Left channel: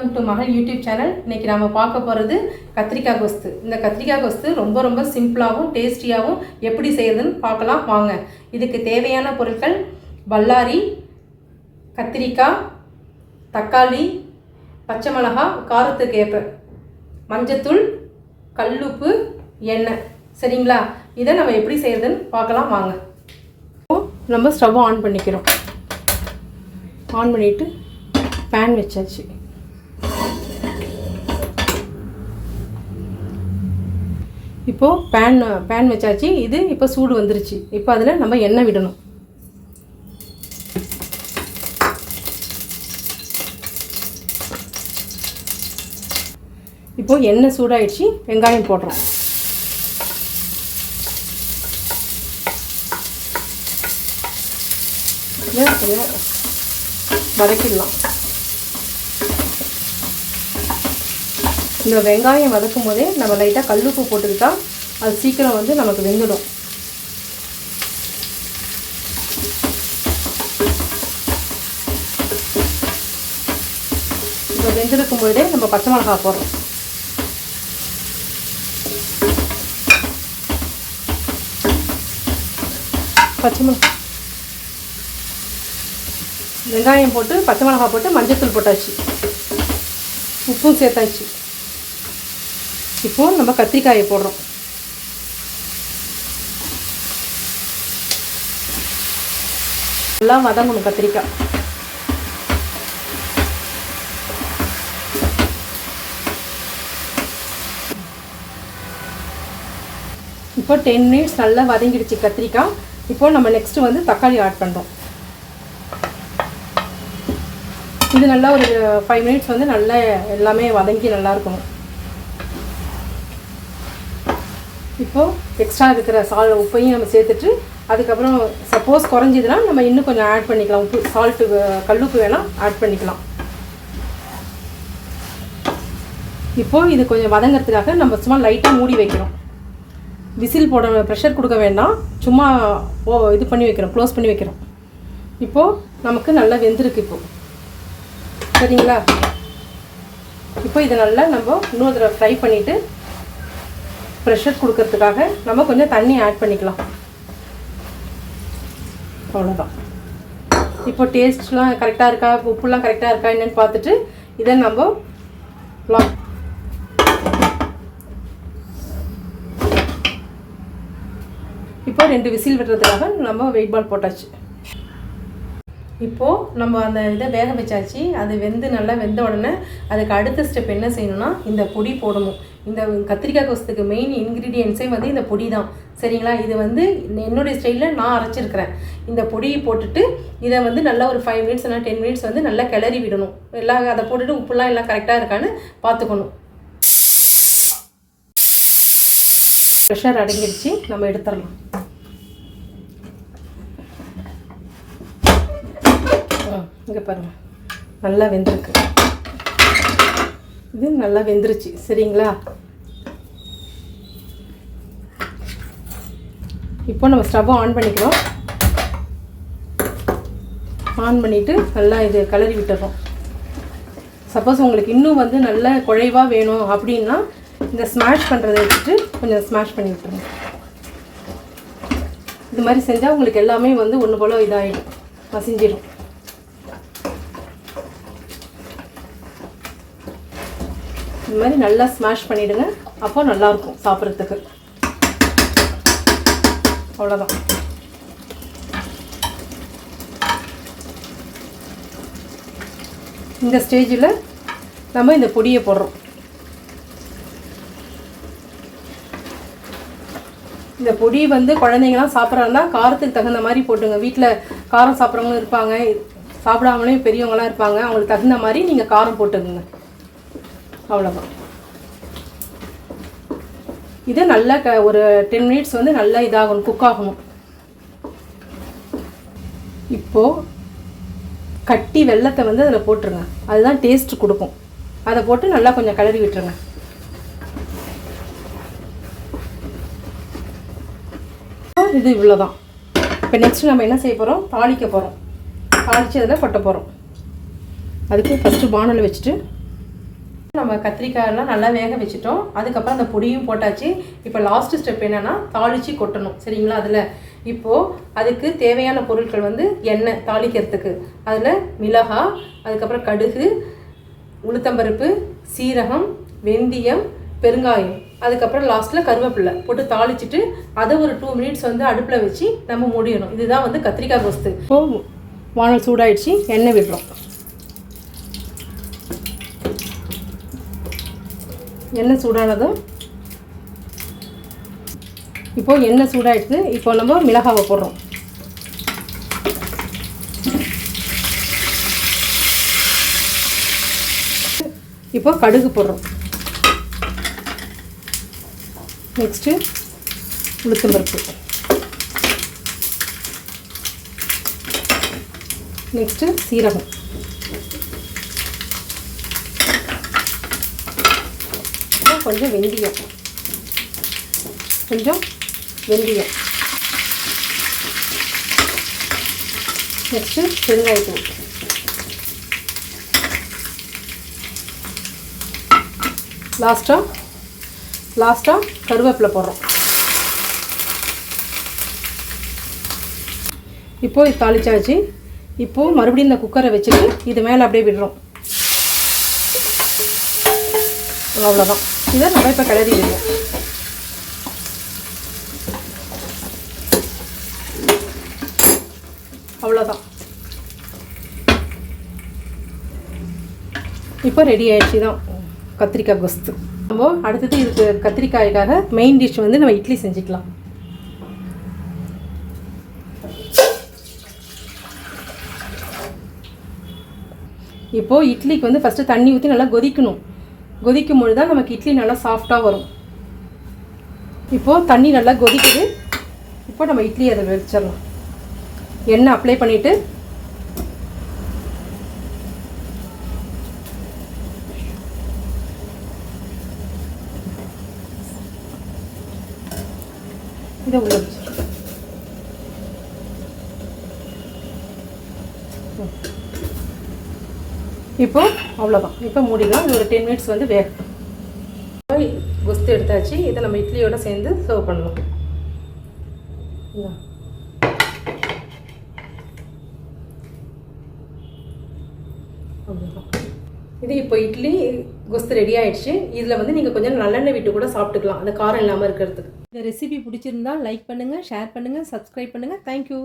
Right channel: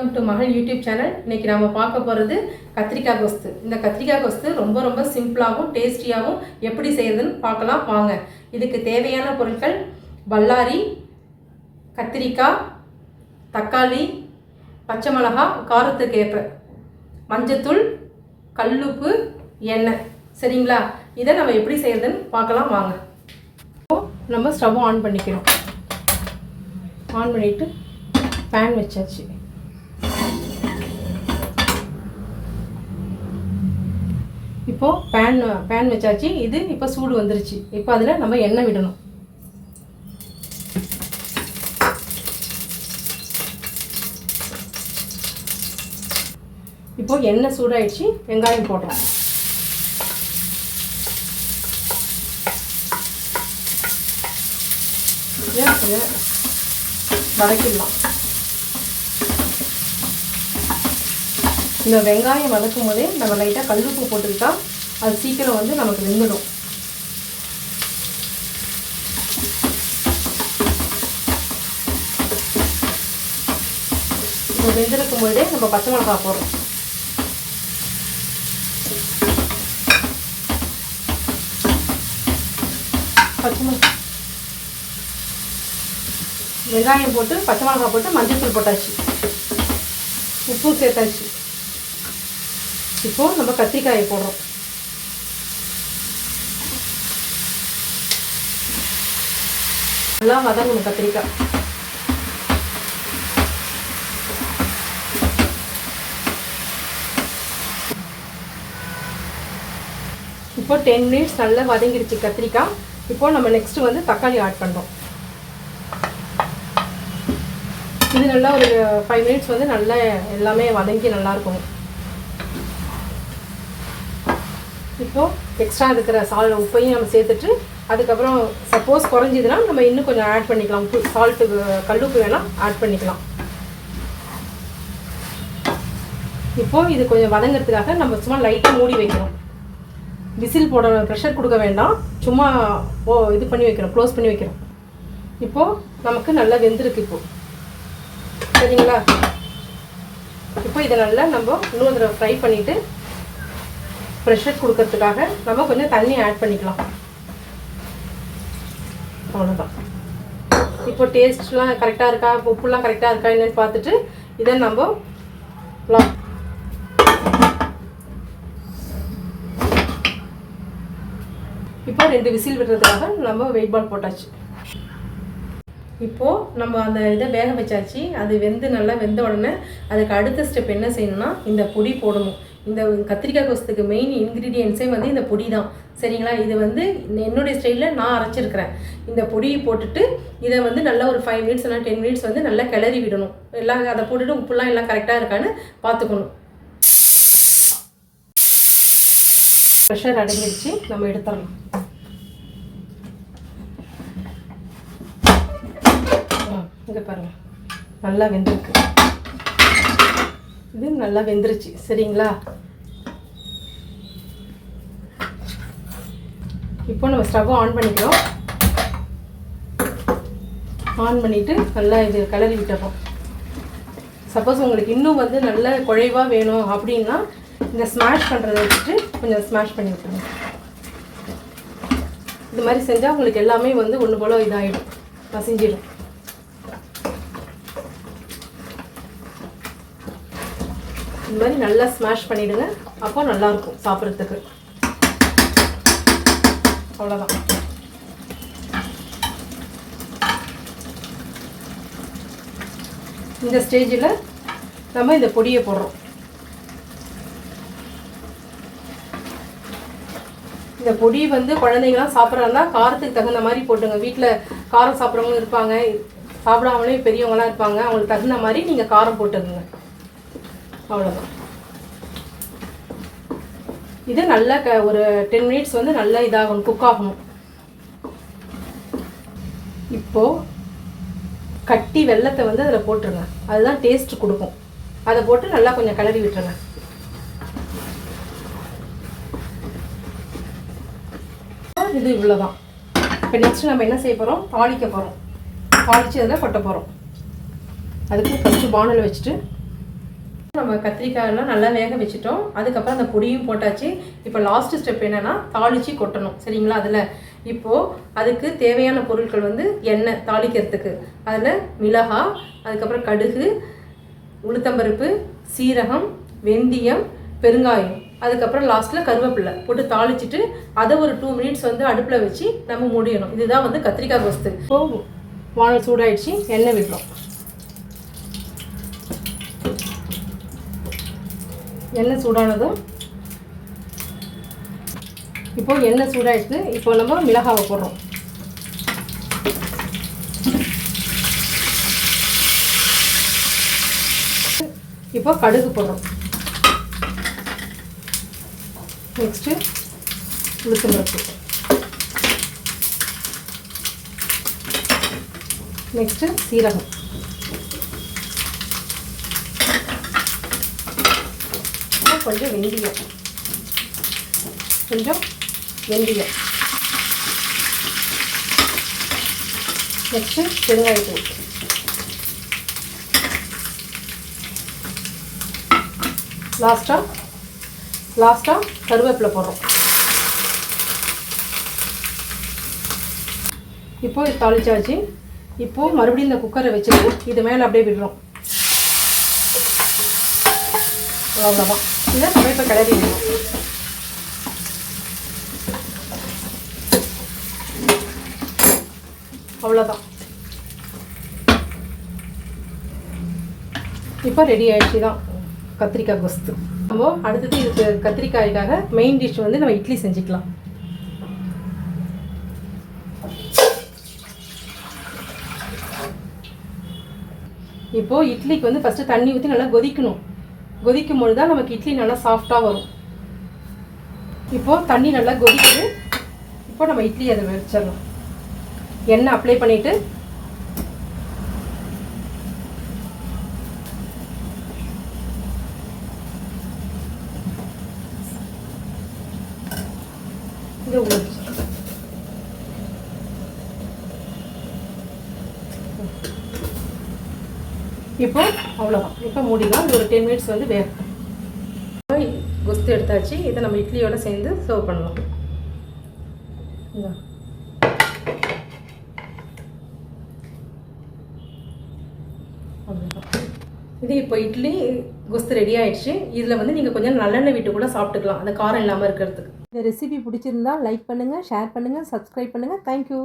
Welcome to மகள் YouTube channel. இன்றைக்கி நாம் பார்க்க போகிறது கத்திரிக்காய் கோஸ்து. இந்த கத்திரிக்காய் கோஸ்து ரொம்ப சிம்பிளாகவும் டேஸ்டியாகவும் எப்படி செய்யறதுன்னு பார்க்கலாம் வாங்க. இதுக்கு தேவையான பொருட்கள் பல்லாரி, கத்திரிக்காய், தக்காளி, பச்சை மிளகாய், காரத்துக்கு ஏற்ப மஞ்சத்தூள், கல்லுப்பு, எண்ணெய். சரிங்களா? இதை நம்ம எப்படி செய்யறதுன்னு பார்க்கலாம் வாங்க. நம்ம ஸ்டவ் ஆன் பண்ணிக்கிறோம். ஆன் பண்ணிவிட்டு பேன் வச்சாச்சு. இப்போது பேன் வச்சாச்சு. இது இப்போ சூடு வந்துருச்சு. இப்போ அதில் நம்ம எண்ணெய் விடணும். இப்போது எண்ணெய் சூடாயிடுச்சு. வெங்காயம் போடுறோம். வதக்கிடலாம். இந்த வெங்காயம் வதக்கும் போதே நம்ம லைட்டாக கல்லுப்பு போட்டுக்கிட்டா அது சீக்கிரம் வந்து நமக்கு வெந்துடும். இப்போ வெந்திருக்கும் போதே நம்ம பச்சை மிளகாய் போடுறோம். வெங்காயம் போட்டு பச்சை மிளகாய் போட்டு மஞ்சத்தூள் போட்டாச்சு, உப்பும் சேர்த்தாச்சு. இப்போது நம்ம கத்திரிக்காயை போடுறோம். நல்லா வதங்கணும் கத்திரிக்காய். இப்போ 10 மினிட்ஸ் நல்லா வதங்கிடுச்சு கத்திரிக்காய். இப்போ நம்ம நெக்ஸ்ட் வந்து தக்காளி ஆட் பண்ணுறோம். இது நல்லா ஒரு 5 மினிட்ஸ் வந்து நல்லா எல்லாமே வதங்கி நல்லா இருக்கும். இப்போது எக்ஸ்ட்ரா இருக்கிற உப்பையும் நம்ம சேர்த்துட்டு அதுக்கப்புறம் சப்போஸ் குறைஞ்சிதுன்னா நம்ம இன்னும் கொஞ்சம் ஆட் பண்ணிக்கலாம். உப்பு, சால்ட்டு, கல்லுப்பு வேணால் ஆட் பண்ணிக்கலாம். இப்போது இது கொஞ்சம் வதங்கிறதுக்காக நம்ம சும்மா லைட்டாக மூடி வைக்கிறோம். விசில் போட ப்ரெஷர் கொடுக்க வேண்டாம். சும்மா இது பண்ணி வைக்கிறோம், க்ளோஸ் பண்ணி வைக்கிறோம். இப்போது நமக்கு நல்லா வெந்திருக்கு. இப்போது சரிங்களா? இப்போ இதை நல்லா நம்ம இன்னொரு தடவை ஃப்ரை பண்ணிவிட்டு ப்ரெஷர் கொடுக்கறதுக்காக நம்ம கொஞ்சம் தண்ணி ஆட் பண்ணிக்கலாம். அவ்வளோதான். இப்போ டேஸ்ட்லாம் கரெக்டாக இருக்கா, உப்புலாம் கரெக்டாக இருக்கா என்னென்னு பார்த்துட்டு இதை நம்ம இப்போ 2 விசில் விடுறதுக்காக நம்ம வெயிட் பால் போட்டாச்சு. இப்போது நம்ம அந்த இதை வேக வச்சாச்சு. அது நல்லா வெந்த உடனே அதுக்கு அடுத்த ஸ்டெப் என்ன செய்யணும்னா இந்த பொடி போடணும். இந்த கத்திரிக்காய் கோஸ்துக்கு மெயின் இன்க்ரீடியன்ஸே வந்து இந்த பொடி தான். சரிங்களா? இது வந்து என்னுடைய ஸ்டைலில் நான் அரைச்சிருக்கிறேன். இந்த பொடியை போட்டுட்டு இதை வந்து நல்லா ஒரு 5 மினிட்ஸ் இல்லை 10 மினிட்ஸ் வந்து நல்லா கிளறி விடணும். எல்லாம் அதை போட்டுட்டு உப்புலாம் எல்லாம் கரெக்டாக இருக்கான்னு பார்த்துக்கணும். ப்ரெஷர் அடங்கிடுச்சு. நம்ம எடுத்துடலாம். இங்கே பாருங்கள், நல்லா வெந்திருக்கு. இது நல்லா வெந்துருச்சு. சரிங்களா? இப்போ நம்ம ஸ்டவ் ஆன் பண்ணிக்கிறோம். ஆன் பண்ணிவிட்டு நல்லா இது கிளறி விட்டுறோம். சப்போஸ் உங்களுக்கு இன்னும் வந்து நல்ல குழைவாக வேணும் அப்படின்னா இந்த ஸ்மாஷ் பண்ணுறதை வச்சுட்டு கொஞ்சம் ஸ்மாஷ் பண்ணி விட்டுருங்க. இது மாதிரி செஞ்சால் உங்களுக்கு எல்லாமே வந்து ஒன்று போல் இதாகிடும், மசிஞ்சிடும். இந்த மாதிரி நல்லா ஸ்மாஷ் பண்ணிவிடுங்க. அப்போ நல்லாயிருக்கும் சாப்பிட்றதுக்கு. அவ்வளோதான். இந்த ஸ்டேஜில் நம்ம இந்த பொடியை போடுறோம். இந்த பொடி வந்து குழந்தைங்களாம் சாப்பிட்றாருந்தா காரத்துக்கு தகுந்த மாதிரி போட்டுங்க. வீட்டில் காரம் சாப்பிட்றவங்க இருப்பாங்க, சாப்பிடாமலே பெரியவங்களாம் இருப்பாங்க. அவங்களுக்கு தகுந்த மாதிரி நீங்கள் காரம் போட்டுக்குங்க. அவ்வளோதான். இது நல்லா ஒரு 10 மினிட்ஸ் வந்து நல்லா இதாகணும், குக் ஆகணும். இப்போது கட்டி வெல்லத்தை வந்து அதில் போட்டுருங்க. அதுதான் டேஸ்ட் கொடுக்கும். அதை போட்டு நல்லா கொஞ்சம் கிளறி விட்டுருங்க. இது இவ்வளோதான். இப்போ நெக்ஸ்ட் நம்ம என்ன செய்ய போகிறோம்? தாளிக்க போகிறோம். தாளித்து அதில் கொட்ட போகிறோம். அதுக்கு ஃபஸ்ட்டு பானல் வச்சுட்டு நம்ம கத்திரிக்காயெல்லாம் நல்லா வேக வச்சுட்டோம். அதுக்கப்புறம் அந்த பொடியும் போட்டாச்சு. இப்போ லாஸ்ட் ஸ்டெப் என்னென்னா தாளித்து கொட்டணும். சரிங்களா? அதில் இப்போது அதுக்கு தேவையான பொருட்கள் வந்து எண்ணெய் தாளிக்கிறதுக்கு. அதில் மிளகாய், அதுக்கப்புறம் கடுகு, உளுத்தம்பருப்பு, சீரகம், வெந்தயம், பெருங்காயம், அதுக்கப்புறம் லாஸ்ட்டில் கருவேப்பிலை போட்டு தாளிச்சிட்டு அதை ஒரு 2 மினிட்ஸ் வந்து அடுப்பில் வச்சு நம்ம மூடிடணும். இதுதான் வந்து கத்திரிக்காய் கோஸ்து. இப்போது வானல் சூடாயிடுச்சு, எண்ணெய் விடுறோம். எண்ணெய் சூடானதும் இப்போது எண்ணெய் சூடாயிடுச்சு. இப்போ நம்ம மிளகாவை போடுறோம். இப்போ கடுகு போடுறோம். நெக்ஸ்ட்டு உளுத்தம்பருப்பு, நெக்ஸ்ட்டு சீரகம், கொஞ்சம் வெந்தயம், நெக்ஸ்ட்டு பெருங்காயத்தூள், லாஸ்ட்டாக கருவேப்பிலை போடுறோம். இப்போது இது தாளிச்சாச்சு. இப்போது மறுபடியும் இந்த குக்கரை வச்சுட்டு இது மேலே அப்படியே விடுறோம். அவ்வளோதான். இதை நம்ம இப்போ கிளறி விடுவோம். அவ்வளோதான். இப்போ ரெடி ஆயிடுச்சு தான் கத்திரிக்காய் கோஸ்து. நம்ம அடுத்தது இதுக்கு கத்திரிக்காய்க்காக மெயின் டிஷ் வந்து நம்ம இட்லி செஞ்சுக்கலாம். இப்போது இட்லிக்கு வந்து ஃபஸ்ட்டு தண்ணி ஊற்றி நல்லா கொதிக்கணும். கொதிக்கும் பொழுது தான் நமக்கு இட்லி நல்லா சாஃப்டாக வரும். இப்போது தண்ணி நல்லா கொதிக்குது. இப்போ நம்ம இட்லி அதை வச்சிடலாம். எண்ணெய் அப்ளை பண்ணிவிட்டு இதை உள்ள இப்போ அவ்வளோதான். இப்போ மூடிலாம். இது ஒரு 10 மினிட்ஸ் வந்து வேகும். கோஸ்து எடுத்தாச்சு. இதை நம்ம இட்லியோட சேர்ந்து சர்வ் பண்ணலாம். இது இப்போ இட்லி கோஸ்து ரெடி ஆயிடுச்சு. இதில் வந்து நீங்கள் கொஞ்சம் நல்லெண்ணெய் விட்டு கூட சாப்பிட்டுக்கலாம், அந்த காரம் இல்லாமல் இருக்கிறதுக்கு. இந்த ரெசிபி பிடிச்சிருந்தா லைக் பண்ணுங்கள், ஷேர் பண்ணுங்கள், சப்ஸ்கிரைப் பண்ணுங்கள். தேங்க்யூ.